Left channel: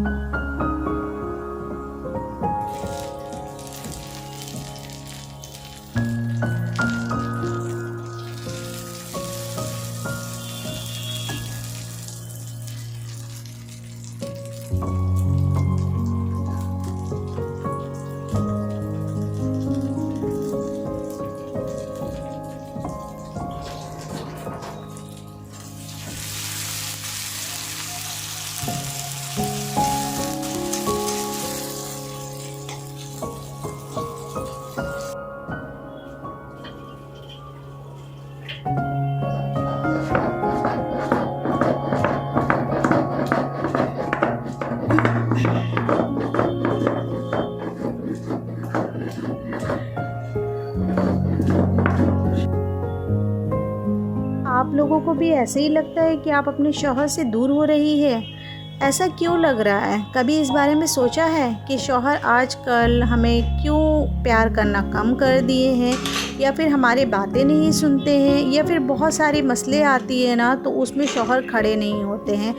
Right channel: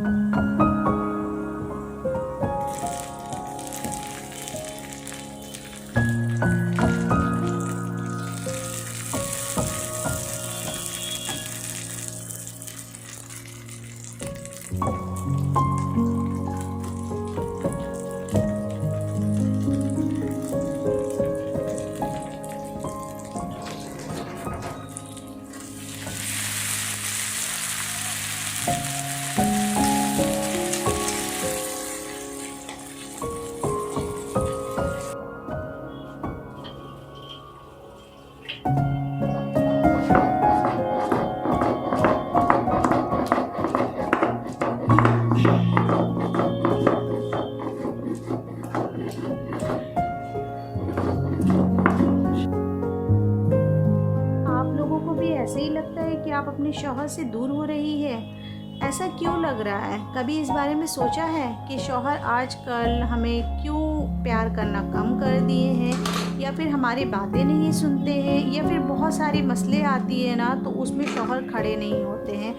आप लोगों को भी ऐसे ही लगता है कि आप अपने शौहर से दूर हो रही है? ऐसा क्यों लग रहा है? कभी इस बारे में सोचा है कि शौहर आजकल हमें क्यों प्यार करना कम कर दिए हैं, या फिर हमारी बातें नहीं सुनते हैं, या फिर बहुत सारी मसले आती है ना तो उसमें शौहर खड़े नहीं होते हैं।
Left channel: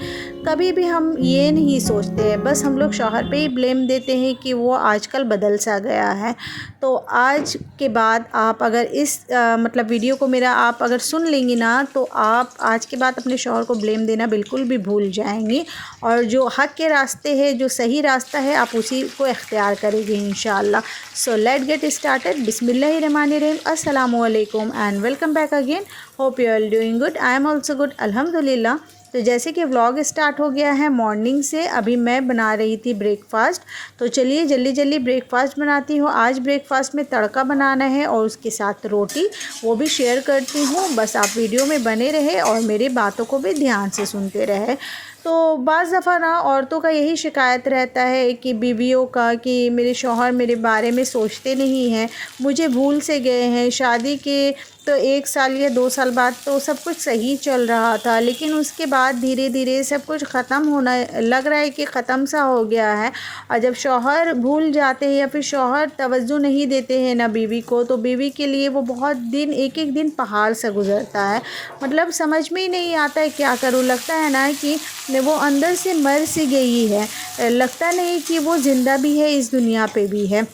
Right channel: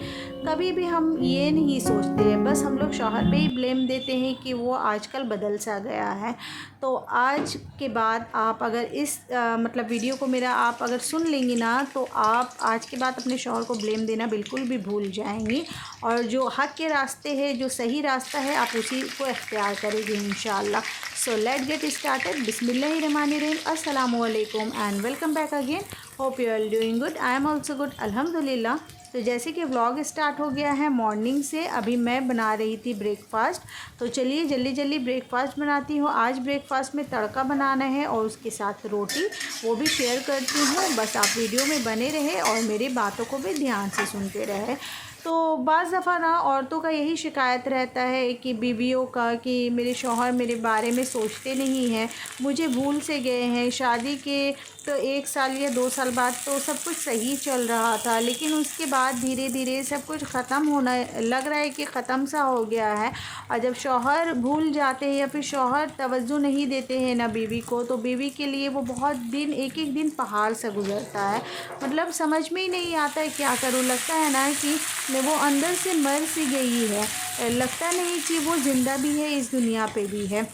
कभी भी हम ये नहीं सोचते हैं, बस हम लोग शौहर पे ही ब्लेम देते हैं कि वो आजकल बदल सा गया है। तो आज के बाद आप अगर इस मतलब वीडियो को मेरा आप अगर सुन लेंगी ना, तो आप आज के बाद अपने शौहर को ब्लेम देना बिल्कुल भी भूल जाएंगी, और जो हक़ के रास्ते है, जो सही रास्ता है, आप उसी को इख्तियार करेंगे इंशाअल्लाह। So let get started. बिस्मिल्लाहिर्रहमानिर्रहीम। अस्सलामु अलैकुम and welcome back again. Hope you are doing good. I am also good, अल्हम्दुलिल्लाह। तो जैसे कि व्लॉग स्टार्ट हो गया है मॉर्निंग से, अभी मैं बना रही थी ब्रेकफ़ास्ट। तो चलिए जल्दी जल्दी ब्रेकफ़ास्ट बनाती हूँ। आज ब्रेकफ़ास्ट में तड़का बनाना है और उसके साथ रोटी, वो भी शेयर करती हूँ। बस आप वीडियो में बने रहे और मेरी बातों को भी ध्यान से सुनते रहे। तो बाज़ दफ़ा ना औरतों का यही शिकायत रहता है कि बीवियों का, कि मेरे शौहर मेरे बारे में सोचते नहीं हैं, मुझे भूल से गए हैं। शादी के तो 1 साल या 2 साल बाद तो सब कुछ सही चल रहा था, लेकिन उसके बाद धीरे धीरे सब कुछ ख़त्म होना लग रहा है कि ख़त्म सा हो गया है। और जब शौहर भूल जाते हैं या फिर शौहर तवज्जो नहीं देते हैं ना बीवी को, तो बीवी के लिए वो बहुत दिन, एक एक दिन पहाड़ सा गुज़रता है। मतलब समझ में ही नहीं आता है क्या करूँ। लगता है ना कि वो अंदर से मर सी गई है, लगता नहीं कि वो ज़िंदा भी है, इस दुनिया पे भी है।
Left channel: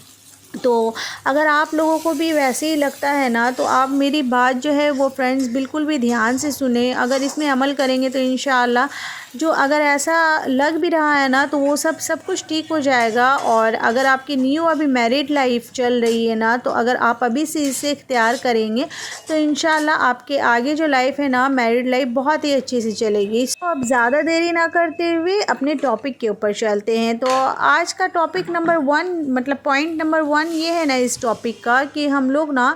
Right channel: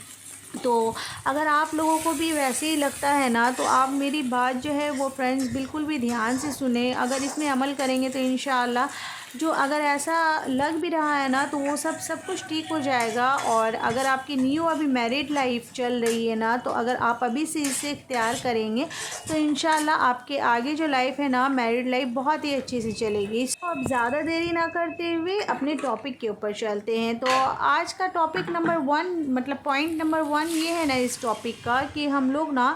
तो अगर आप लोगों को भी वैसे ही लगता है ना, तो आप मेरी बात जो है वो फ्रेंड्स बिल्कुल भी ध्यान से सुने। अगर इसमें अमल करेंगे तो इंशाअल्लाह, जो अगर ऐसा लग भी रहा है ना, तो वो सब कुछ ठीक हो जाएगा। और अगर आपकी न्यू अभी मैरिड लाइफ चल रही है ना, तो अगर आप अभी से इसे इख्तियार करेंगे तो इंशाअल्लाह आपके आगे जो लाइफ है ना, मैरिड लाइफ, बहुत ही अच्छे से चलेगी। तो अब ज़्यादा देरी ना करते हुए अपने टॉपिक के ऊपर चलते हैं। तो आज का टॉपिक नंबर 1, मतलब पॉइंट नंबर 1 ये है ना इस टॉपिक का, कि हम लोग ना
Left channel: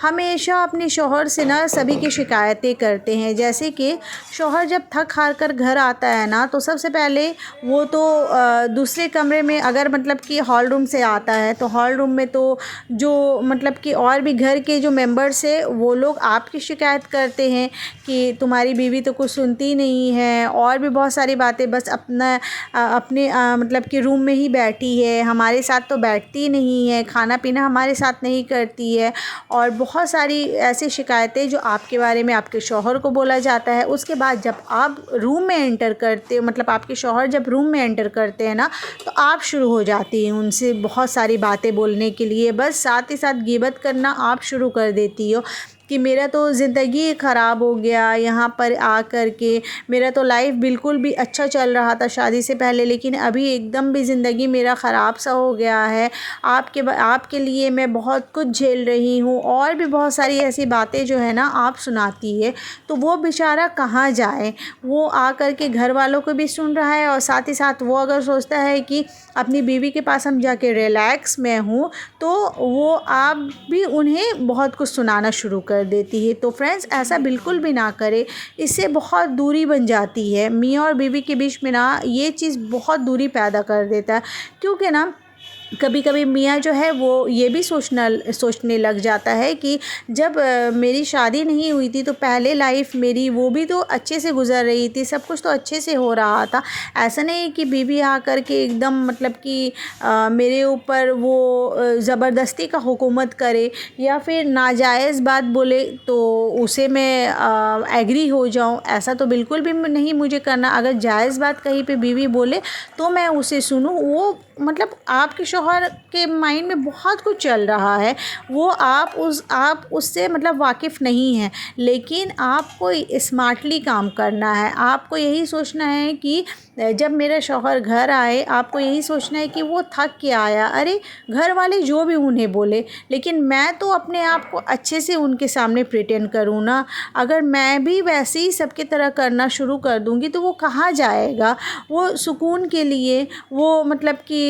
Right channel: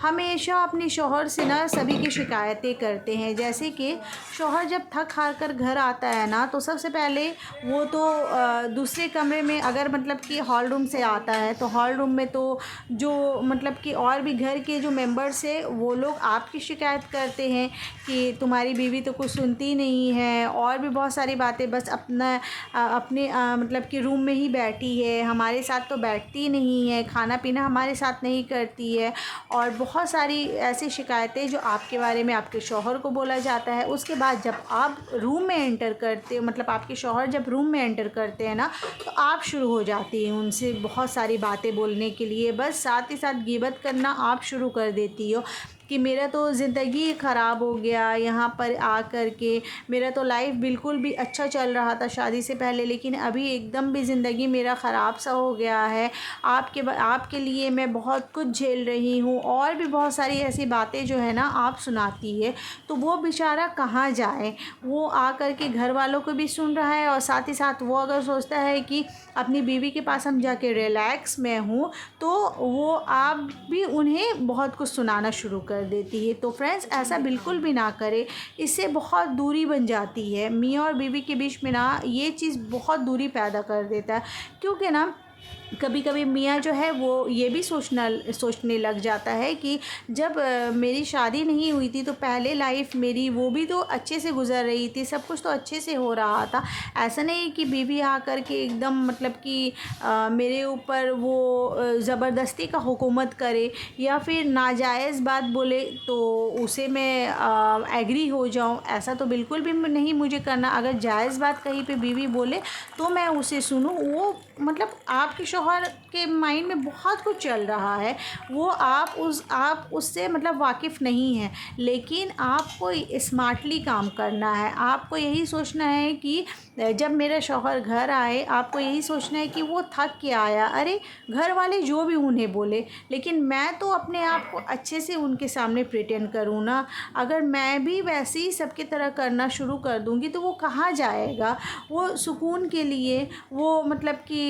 हमेशा अपने शौहर से ना सभी की शिकायतें करते हैं। जैसे कि शौहर जब थक हार कर घर आता है ना, तो सबसे पहले वो तो दूसरे कमरे में, अगर मतलब कि हॉल रूम से आता है तो हॉल रूम में तो जो मतलब कि और भी घर के जो मेंबर्स है वो लोग आपकी शिकायत करते हैं कि तुम्हारी बीवी तो कुछ सुनती नहीं है, और भी बहुत सारी बातें, बस अपने मतलब कि रूम में ही बैठी है, हमारे साथ तो बैठती नहीं है, खाना पीना हमारे साथ नहीं करती है, और बहुत सारी ऐसी शिकायतें जो आपके बारे में आपके शौहर को बोला जाता है। उसके बाद जब आप रूम में एंटर करते हो, मतलब आपके शौहर जब रूम में एंटर करते हैं ना, तो आप शुरू हो जाती हैं उनसे बहुत सारी बातें बोलने के लिए। बस साथ ही साथ ग़ीबत करना आप शुरू कर देती हो कि मेरा तो ज़िंदगी ख़राब हो गया यहाँ पर आकर के, मेरा तो लाइफ बिल्कुल भी अच्छा चल रहा था शादी से पहले, लेकिन अभी एकदम भी ज़िंदगी मेरा ख़राब सा हो गया है। आपके लिए मैं बहुत कुछ झेल रही हूँ, और भी बहुत सारी ऐसी बातें जो है ना आप सुनाती है। तो वो बेचारा कहाँ जाए, वो आकर के घर वालों को भी सुन रहा है, और साथ ही साथ वो अगर सोचता है कि अपनी बीवी के पास हम जाके रिलैक्स में हूँ, तो वो आप भी उन्हें बहुत कुछ सुनाना शुरू कर देती है। तो फ्रेंड्स, ऐसा बिल्कुल भी ना करें, इससे बहुत दूरी बन जाती है। मियाँ और बीवी के बीच में ना ये चीज़ बहुत दूरी पैदा कर देता है, क्योंकि ना कभी कभी मियाँ जो है वो ये भी सोचने लग जाता है कि जब मेरी शादी नहीं हुई थी तो पहले लाइफ मेरी वो भी तो अच्छे से गुजर रही थी, सब कुछ तो अच्छे से हो रहा था। ऐसा नहीं कि बीवी आकर के एकदम मतलब कि मेरे ऊपर वो ज़बरदस्ती का हुकूमत करे या फिर नाजायज़ बात बोले तो उसे मैं एग्री हो जाऊं। ऐसा तो बिल्कुल भी नहीं मुझे करना। अगर जायज़ बात कहीं पे बीवी बोले तो मैं उसे सुनूं। वो मतलब आपके शौहर के माइंड में बहुत कुछ चल रहा है, वो आप उससे मतलब वाकिफ़ नहीं हैं, लेकिन आपको स्मार्टली काम करना है। आपको यही सोचना है कि जब मेरा शौहर घर आए, आपको यही सोचना है कि वो थक के आया, अरे घर वाले जो भी उन्हें बोले, लेकिन मैं तो अपने आप को अच्छे से उनके सामने प्रिटेंड करूँ ना। अगर मैं भी वैसे ही सबकी तरह करना शुरू कर दूँगी तो वो कहाँ जाएगा। वो सुकून के लिए, वो मतलब कि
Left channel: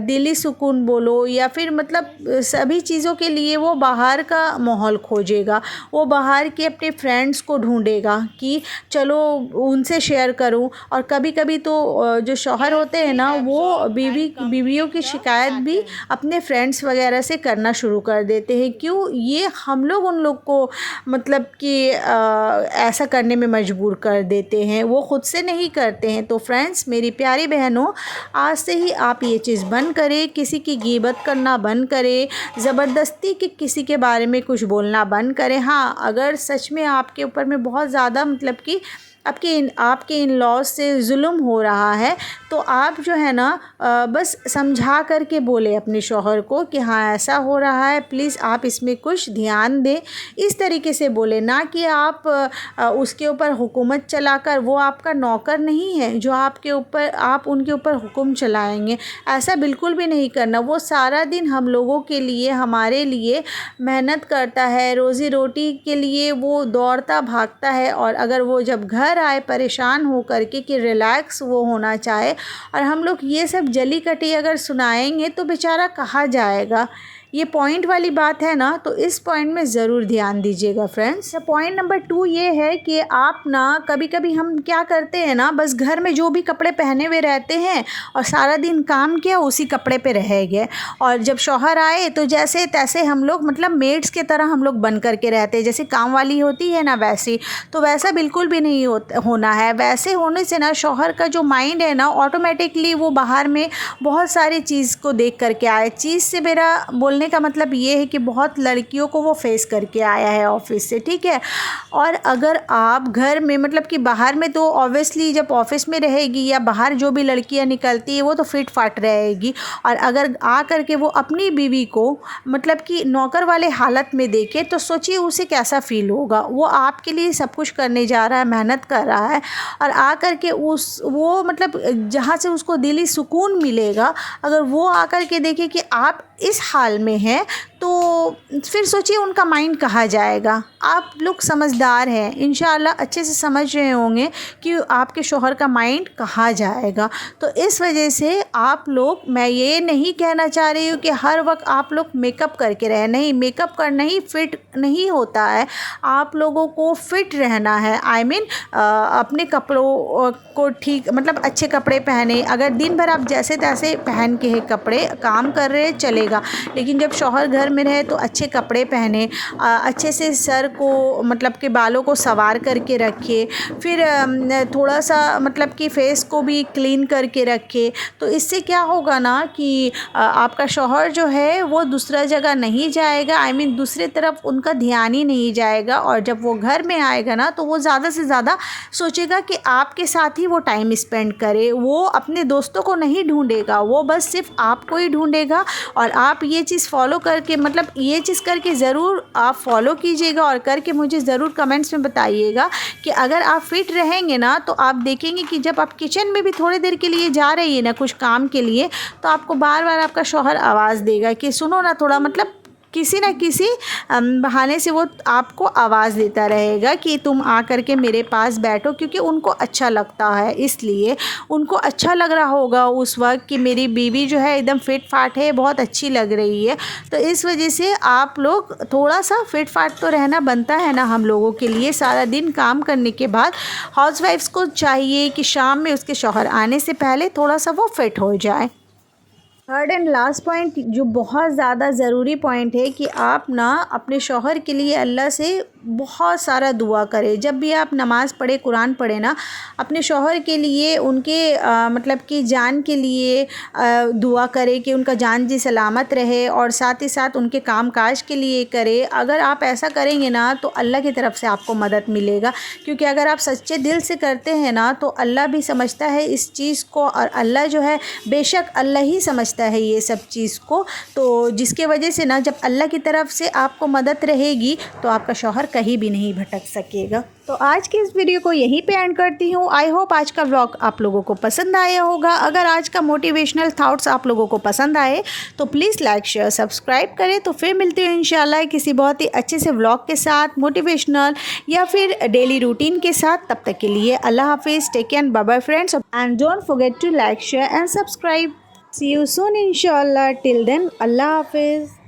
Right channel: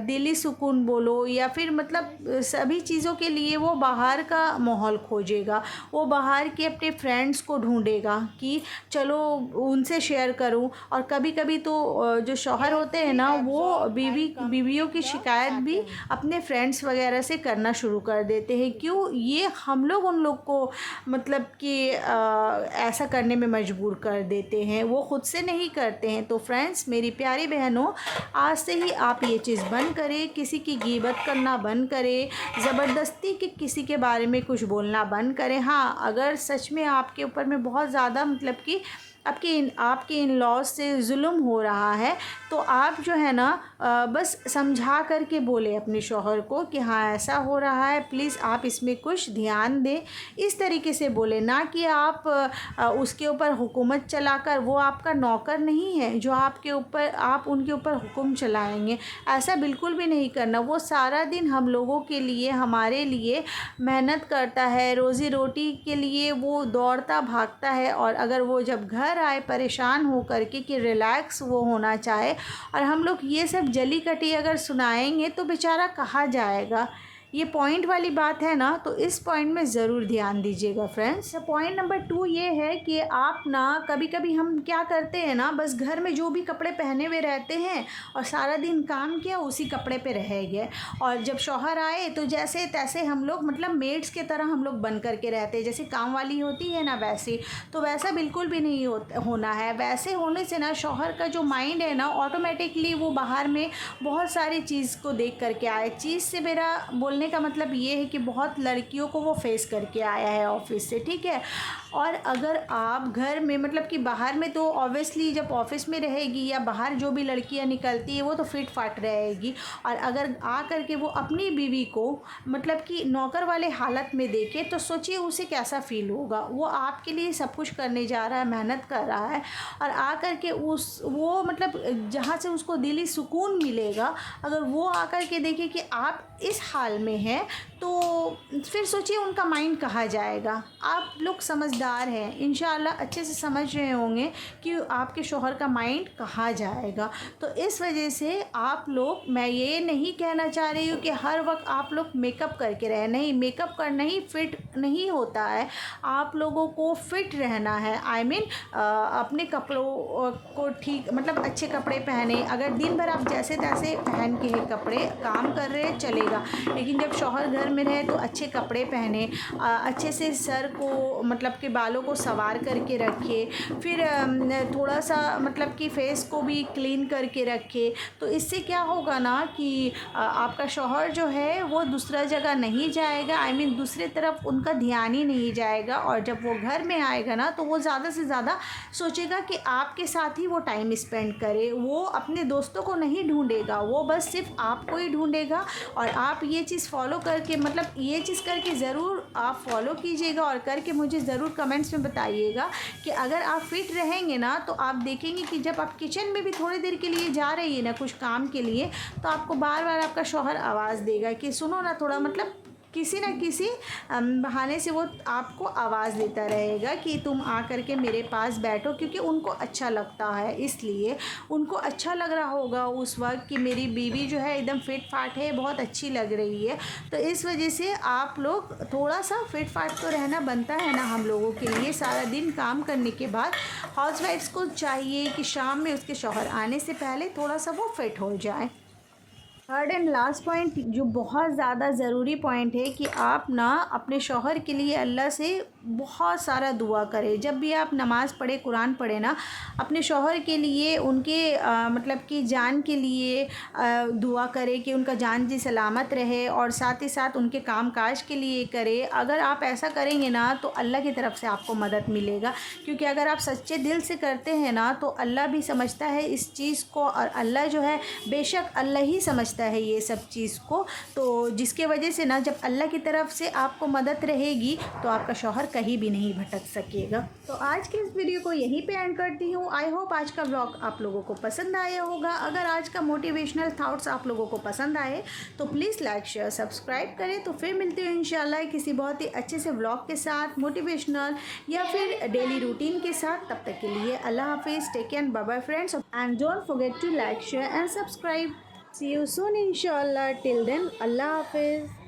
दिली सुकून बोलो या फिर मतलब सभी चीज़ों के लिए वो बाहर का माहौल खोजेगा। वो बाहर के अपने फ्रेंड्स को ढूंढेगा कि चलो उनसे शेयर करूं। और कभी कभी तो जो शौहर होते हैं ना वो बीवियों की शिकायत भी अपने फ्रेंड्स वगैरह से करना शुरू कर देते हैं। क्यों? ये हम लोग उन लोग को मतलब कि ऐसा करने में मजबूर कर देते हैं, वो ख़ुद से नहीं करते हैं। तो फ्रेंड्स, मेरी प्यारी बहनों, आज से ही आप ये चीज़ बंद करें, किसी की गिबत करना बंद करें, ज़बरदस्ती के किसी के बारे में कुछ बोलना बंद करें। हाँ, अगर सच में आपके ऊपर में बहुत ज़्यादा मतलब कि आपके इन लॉज से जुल्म हो रहा है तो आप जो है ना बस समझा कर के बोले अपने शौहर को कि हाँ ऐसा हो रहा है, प्लीज़ आप इसमें कुछ ध्यान दें। इस तरीके से बोले, ना कि आप उसके ऊपर हुकूमत चलाकर, वो आपका नौकर नहीं है जो आप उनके ऊपर हुक्म चलाएंगे। ऐसा बिल्कुल भी नहीं करना। वो सारा दिन हम लोगों के लिए, हमारे लिए मेहनत करता है, रोज़ी रोटी के लिए वो दौड़ता भागता है। और अगर वो जब घर आए परेशान हो करके कि रिलैक्स वो होना चाहे और हम लोग ये सब जली कटी अगर सुनाएंगे तो बेचारा कहाँ जाएगा। ये पॉइंट वाली बात है ना, तो इस पॉइंट में ज़रूर ध्यान दीजिएगा फ्रेंड्स। पॉइंट नंबर 2 ये है कि आप ना कभी कभी हम क्या करते हैं ना, बस घर में जो भी कपड़े पहने हुए रहते हैं और सारा दिन काम किया उसी कपड़े पे रह गए, और जब शौहर आए तो जैसे तैसे हम लोग मतलब मेड्स के तरह हम लोग बन करके रहते हैं, जैसे काम वाली होती है ना वैसी। तो वैसा बिल्कुल भी नहीं होना है। वैसे होने से ना शौहर का जो माइंड है ना ऑटोमेटिकली वो बाहर में बहुत सारी चीज़ को देख करके आए। चीज़ से मेरा बोलने का मतलब ये है कि बहुत लड़कियों को वो फेस करके आया है ऑफिस से, ठीक है। और अगर आप घर में मतलब कि बाहर में तो ऑब्वियसली जब ऑफिस में रहेगी या बाहर जो भी लड़कियां निकलती है वो तो फिट फाट रहेगी, और अगर आ करके वो अपनी बीवी को मतलब कि नौकर वाले हालत में देखे तो सोचिए उसे कैसा फील होगा। वो आपके लिए सब कुछ करने जा रहा है, मेहनत कर रहा है, और आ करके वो मतलब जहाँ से उसको दिली सुकून मिलेगा, अगर वो आकर के देखे कि आप इस हाल में हैं तो फिर सोचिए उनका माइंड कहाँ जाएगा। आप लोग समझदार हैं, इंशाल्लाह अच्छे से समझ रहे होंगे कि आपके शौहर का माइंड कहाँ जाएगा। तो इस वजह से आप लोग, मैं ये नहीं कहना चाह रही हूँ कि हर वक्त आप लोग मेकअप करके रहें, नहीं, मेकअप करना ही फिट नहीं होता है। आप लोगों को फिट रहना है, आई मीन अपने कपड़ों को ठीक मतलब अच्छे कपड़े पहने। अगर दिन भर आप जैसे तैसे पहन के है कपड़े काम कर रहे चलेगा, लेकिन जब शौहर घर में रहे तो अच्छे कपड़े पहने, अच्छे से सर को मतलब कि बालों को संवार करके रखे, फिर थोड़ा सा मतलब कि फेस को भी क्लीन करके रखे। तो इससे क्या होगा ना कि आपका शौहर जो है वो दूसरा जगह नहीं जाएगा, आई मीन दूसरी तरफ उनका ध्यान ही नहीं जाएगा। और जब वो घर में आएगा ना तो वो ज़्यादा से ज़्यादा सोचेगा कि आपके साथ ही वो टाइम स्पेंड करे। वो अपने दोस्तों को नहीं ढूंढेगा, वो बस सिर्फ आपको ही ढूंढेगा। और आप ये चीज़ फॉलो करके मतलब ये चीज़ करके ज़रूर आप फॉलो कीजिएगा और करके मुझे ज़रूर कमेंट्स में बताइएगा कि अगर आप फिट रहेंगे ना तो आप देखेंगे कि जब आप किचन में भी थोड़ी देर के लिए जा रही है ना कुछ काम के लिए, तो आपको बार बार आपका शौहर आवाज़ देगा कि सुनो ना थोड़ा, मतलब किसी न किसी बहाने से वो आपको आवाज़ देता रहेगा कि तुम आ कर के मेरे पास बैठो, क्योंकि उनको अच्छा लगता है। इसलिए उनको अच्छा लग रहा होगा उस वक्त कि मेरी बीवी जो है एकदम फिट फाट है, बहुत अच्छी लग रही है। तो इस वजह से आप लोग थोड़ा सा फिट फाट तो रहना बनता है ना हम लोगों के लिए। सारा दिन काम करने के बाद हाउसवाइफ्स को चाहिए कि शाम में उसके शौहर आने से पहले थोड़ा सा वो फिट हो जाए। थर्ड एंड लास्ट पॉइंट जो बहुत ज़्यादा ज़रूरी पॉइंट है कि आप ना अपने शौहर के लिए अल्लाह से बहुत सारा दुआ करें। जब भी आप नमाज़ पढ़े, कुरान पढ़े ना, अपने शौहर के लिए उनके मतलब कि जान के लिए दुआ करें कि उनका जान जी सलामत रहे, और साथ ही साथ उनके काम काज के लिए करें। अगर आप ऐसा करेंगे ना तो अल्लाह की तरफ से आपको मदद मिलेगा, क्योंकि अगर आप सच्चे दिल से करते हैं ना तो अल्लाह भी समझता है इस चीज़ को, और अल्लाह जो है बेशक अल्लाह ही समझता है ये सब चीज़ को। तो जिसके वजह से ना जब अल्लाह की तरफ से आपको मदद रहेगी तो आपका शौहर कहीं भी नहीं भटक सकेगा। तो आज की इस वीडियो को यहीं पे एंड करती हूँ। आई होप आज का व्लॉग आप लोगों को पसंद आया होगा। अगर आज का मोटिवेशनल थॉट्स आप लोगों को पसंद आए तो प्लीज़ लाइक शेयर सब्सक्राइब करें। तो फिर मिलते हैं इंशाल्लाह किसी बहुत ही अच्छे से व्लॉग के साथ, मोटिवेशनल या फिर डेली रूटीन के साथ। तब तक के लिए अल्लाह हाफिज़, take care, bye bye friends, and don't forget to like share and subscribe. See you soon inshallah. Till then, Allah Hafiz.